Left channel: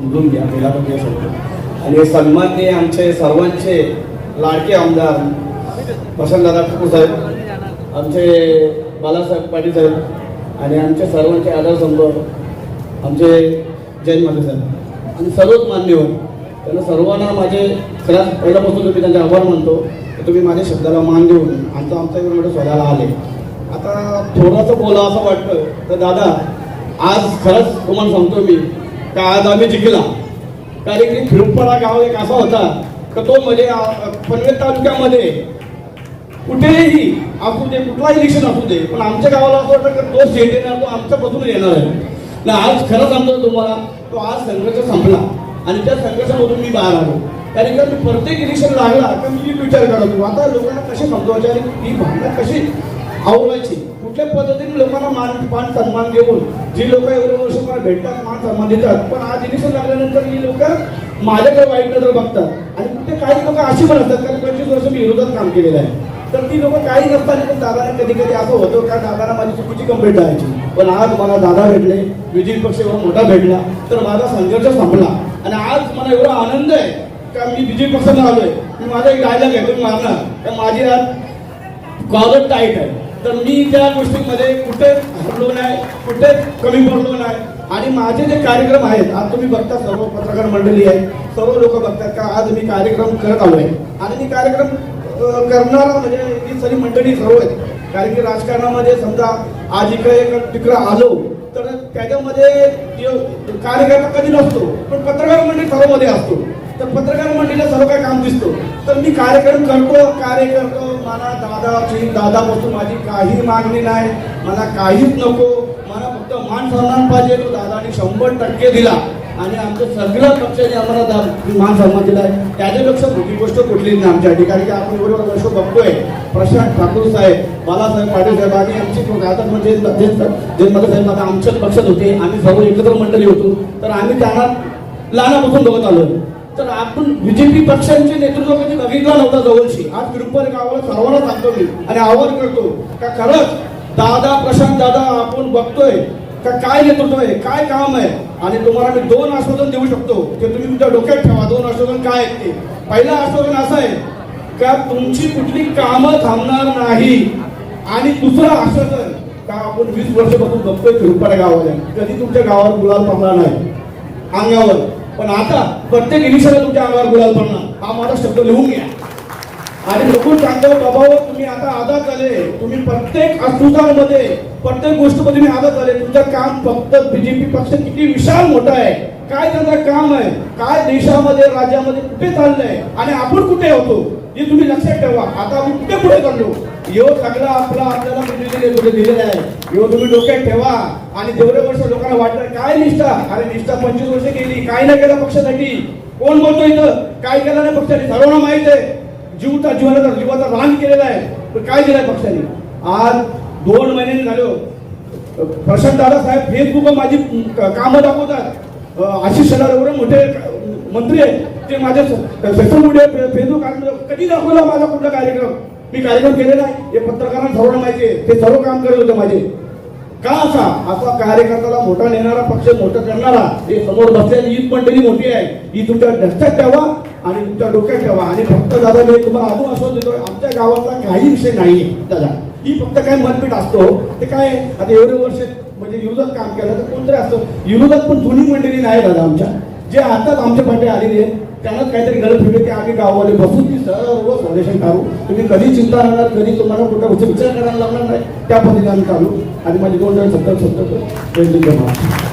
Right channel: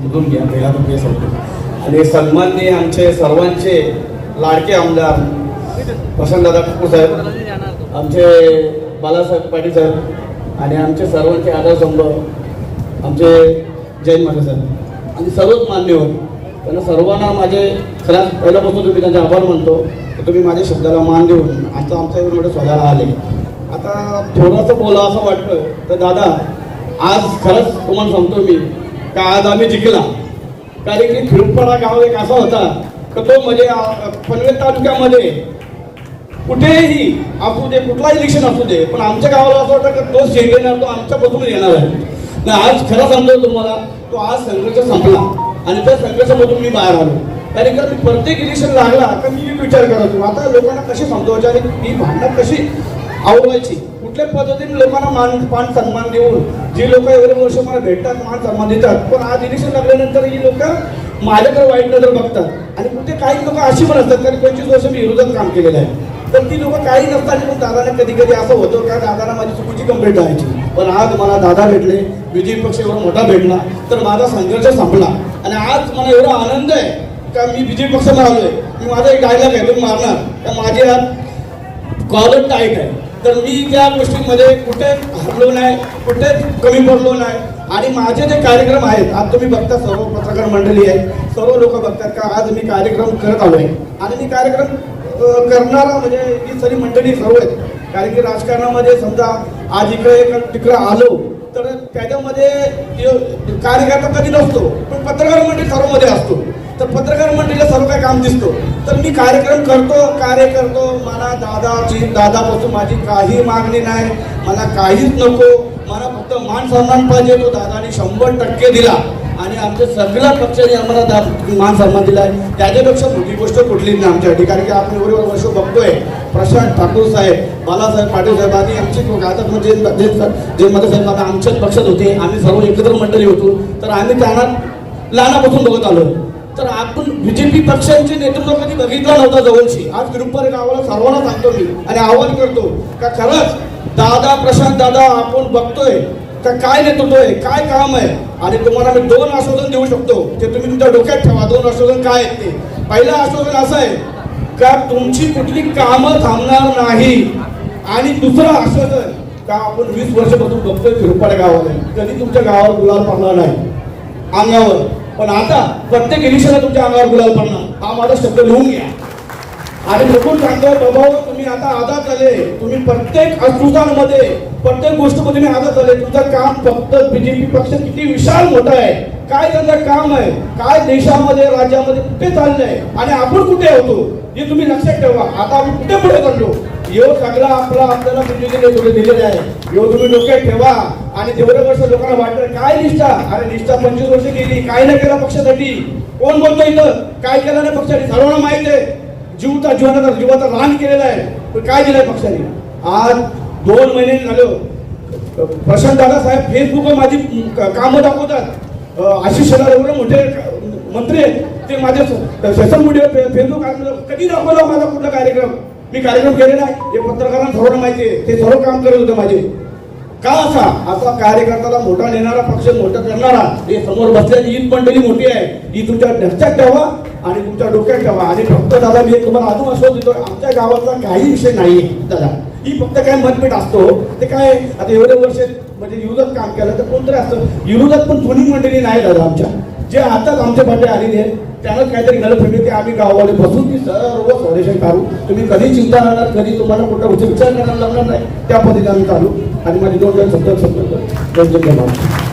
समजून घ्या पहिला तो आणि सन्माननीय आमचे सर्वांचे लाडके आमदार वसंतदादा ठाकूर साहेब आमचे बालासाहेब पाटील साहेब आणि आमचे सर्वांचे आदर समोर आमचे जैन माने साहेब. आणि सर्वच मान्यवर त्यांना सर्वांना माझे खरंच पहिल्यापासून तुम्ही त्यांचे आभार मानतो की तुम्ही माझ्या शब्दाला मान देऊन आता आमच्या एवढं सोडायला आले. आता थोडंसं बोला असं वाटतं तर दादा आज खरंच तुम्हाला सांगतो मी का आज आम्ही जिंकला. कारण की फिरपाडा गाव एक असा होता का तो म्हणजे पनवेल तालुक्यामध्ये कुठेही असू दे कुठलाही इलेक्शन असू दे पण आमच्या गावाला असं वाटतं की तो स्टेट तो आमच्या बसून येणार आहे. ना आज खरं सांगतो तुम्हाला तो आज संघर्ष संपला. आणि त्या संघर्षामधून मी बाहेर आलो. कारण का मी प्रत्येक इलेक्शन लागला तर मी विचार करतो आता लोकांना कशी समजवायची आणि ही भावना कशी आवडवायची कुठल्या पद्धतीने लोकांना मान मान सन्मान देऊन जी लोक एवढे वर्ष मला भेटतात मान सन्मान देतात पण आज इलेक्शन लागल्यानंतर ही लोक माझ्याकडे वाईट नजर बघतात. आणि कुठे काही लोक अशी पण असतात कारण पंचवीस वर्ष मी विरोधात काम केलेलं आहे. तर ती लोक काही नसताना पण दादाने कधी कधी असं होतं का दादाला माझी चुकीची कंप्लेंट द्यायची पण आज मला दादा भेटले विजय पक्ष एवढा मोठा भेटला तर माझा संघर्ष संपला. आणि आज मला एवढा आनंद आहे का मी विजय पक्षाला आलोय मी माझा एक डायलॉग आहे मारणार. तर माझी आज कॉलर टाईट आहे. तर मी त्या गोष्टींमध्ये कुठे हरलो नाही कुठे कमी पडलो नाही. आणि माझे जे कार्यक्रम आहेत आज तुम्ही बघता सर्व पत्रकार मंडळी आहे सर्व लोक बघतात का आज मी कार्यक्रम करत आलो आहे आणि मी कार्यक्रम करणारा म्हणजे ही सगळी मंडळी सर्व आहेत. कारण की राजकारणामध्ये समजा आज इकडे एक तिकडं आलो तर त्याच्यामध्ये कार्यकर्ता कधी नसतो पण पत्रकार मंडळी सर्वमध्ये असतो. तर पत्रकार मंडळीला सर्व काय काम दिसतो. तर मी कार्यक्रम करतो कार्य करतो मला दादाची दादापासून माझी काही मागणी नाही. मला काहीच नको. मला फक्त मान सन्मान पाहिजे. तो दादाने शंभर टक्के दिला. आणि आमच्या सगळ्या पक्षाने आम्हाला दा- मान सन्मान दिला त्याच्यापेक्षा मोठी गोष्ट कुठली नाही आमच्यासाठी कारण की आपण एवढे वर्ष बघतोय. प्रशांत ठाकूर साहेब बालासाहेब पाटील साहेब आणि आमची आता म्हणजे जे जे मध्ये आता आमच्याच पक्षात होते. आम्ही सर्व एकत्र मंडळी होतो. तर आम्ही त्यांना लहानापासून बघत आलो. तर आपण बीजेपी पक्षांचे नेतृत्व कधी बघितलं नव्हतं जवळची. आज ग्रुपवर गावाला सर्वांना सांगतो मी आणि आवाहन करतो का खरंच? दादा प्रशांत दादा आपण बघतोय. का काय नेतृत्व आहे? काय काम आहे? आणि तुम्हाला मी दोन आश्वासन देऊ शकतो. ते तुम्ही तुमच्या डोक्यात ठेवा. दोन आश्वासन काय आहेत ते? पहिलं आश्वासन असं आहे का तुमची कुठली कामं थांबणार नाही? आणि दुसरं आश्वासन का आपण वीस वर्षापासून बघतोय फिरपाड्या गावाला कधी तुमच्या गावावर गुलाल पडणार नाही? अंगावर. पण आता प्रत्येक इलेक्शनला तुमच्या अंगावर गुलाल पडणार. हा माझा शब्द लिहून घ्या. आणि बघून सांगतो बाबा तुम्ही आता आजाद झाले. तुम्ही प्रत्येक अस्तित्वामध्ये प्रत्येक गोष्टीमध्ये मी आजाद झाले. तुमचं काम फक्त बीजेपी पक्ष किती विशाल मोठा आहे. काय त्यांचं काम आहे? काय देशामध्ये राज्यामध्ये कुठे चाललंय? आणि आपण कुठे होतो? हे तुम्ही लक्षात ठेवा. आता आम्ही कुठे पुढे चाललो? यो चांगला आपला आपल्याला कुठे दिलेला आहे. यो तुम्ही डोक्यात ठेवा. आणि तेवढे वर्ष लोकांना वाटलं काय निष्ठा? अरे निष्ठा पंचवीस वर्ष केली काय नाही केलं पक्षासाठी? कोण बोलतो इथं? काय केलं नाही पक्षाने सर्वांना माहीत आहे. जीवता जीवनाचा जीवाचा रान केलेला आहे. पण काय दिलंय पक्षाने? आज दोन महिने झालो. प्रशांत दादा साहेब फेसबुकवर माझी कामं दाखवतात. आशिष शेलार एवढे मोठे मंत्री आहेत. ते माझे सोशल मीडिया फेसबुक कधी दाखवला माझा कुठला कार्यक्रम? मी कार्यक्रम केलेला आहे. हे पत्रकारांना सर्वांना माहिती आहे. ते सर्व काम करत होते माझे. का असा? असा कार्यकर्त्याला मोठा नेणारा पक्ष मोठा करणारा हे समोर बसलेली ही मंडळी मोठी आहे. ही तुमच्या लक्षात ठेवा आणि तुमच्या डोक्यात ठेवा. आणि फक्त दादा मी तुम्हाला अजून असं देतो आमच्या गावाचा काही विषय नाही दादा. ही फक्त काय मतभेद असतो. ते काय आता एवढे वर्ष म्हणजे विरोधात काम केलं तर कोणतरी असतं विरोधात पण जुनी मंडळी नाही दादा आमच्या. जे आताच आमच्या पाठी आलेली आहे त्यालाच काहीतरी गरज ठेवली की आम्ही गाववाले बसून ती सर्व फाउंडेशन काढू. तुम्ही कधी चिंता राहणार कधी तुम्हाला कुठं कुठे विचार करायला लागणार नाही त्या पद्धतीने आम्ही काढू आणि माझे दोन हजार सत्तर सत्तर दोन धन्यवाद